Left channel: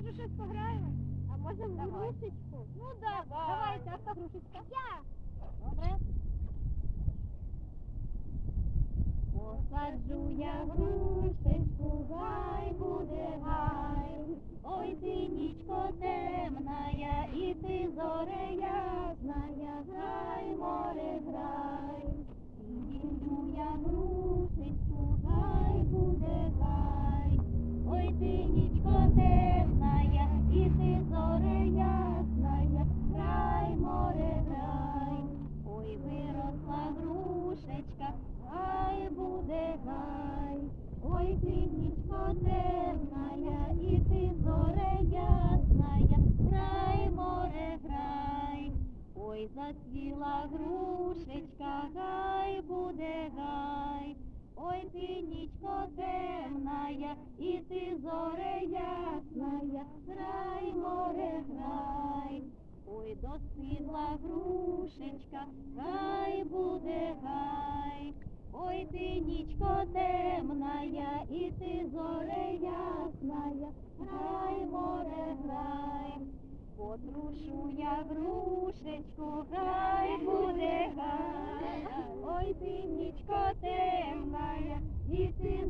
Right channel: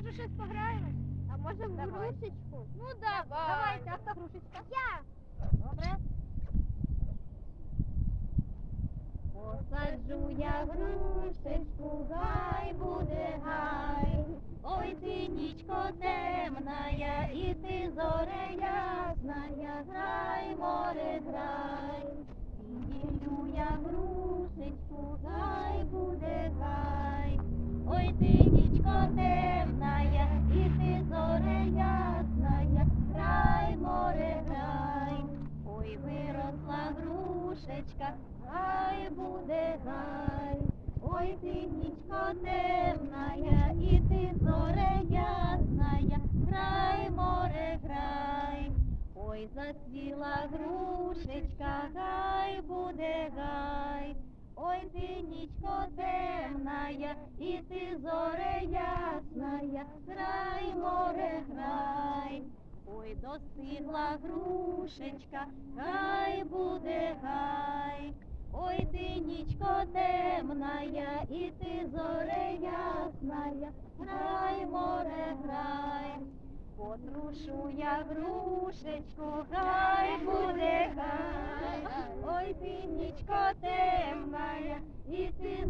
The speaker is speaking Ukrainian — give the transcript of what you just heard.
може щось пограємо? А може в Давай. грушечку? Ну давай. Давайте, а хто грушечка? Я. Добре. Посаджу я грушечку, гай буде гай. Ой, ти нічко темная, і ти зоре ясная, грай, море, грай. Сію я грушечку, гай буде гай. Ой, ти нічко темная, грушечка, гай буде гай. Ой, ти нічко темная, і ти зоре ясная, грай, море, грай. Ой, засвіла грушечка, гай буде гай. Ой, ти нічко темная, і ти зоре ясная, грай, море, грай. Достигла грушечка, гай буде гай. Ой, ти нічко темная, і ти зоре ясная, грай, море, грай. Потрушу я грушечку, гай буде гай. Ой, ти нічко темная, і ти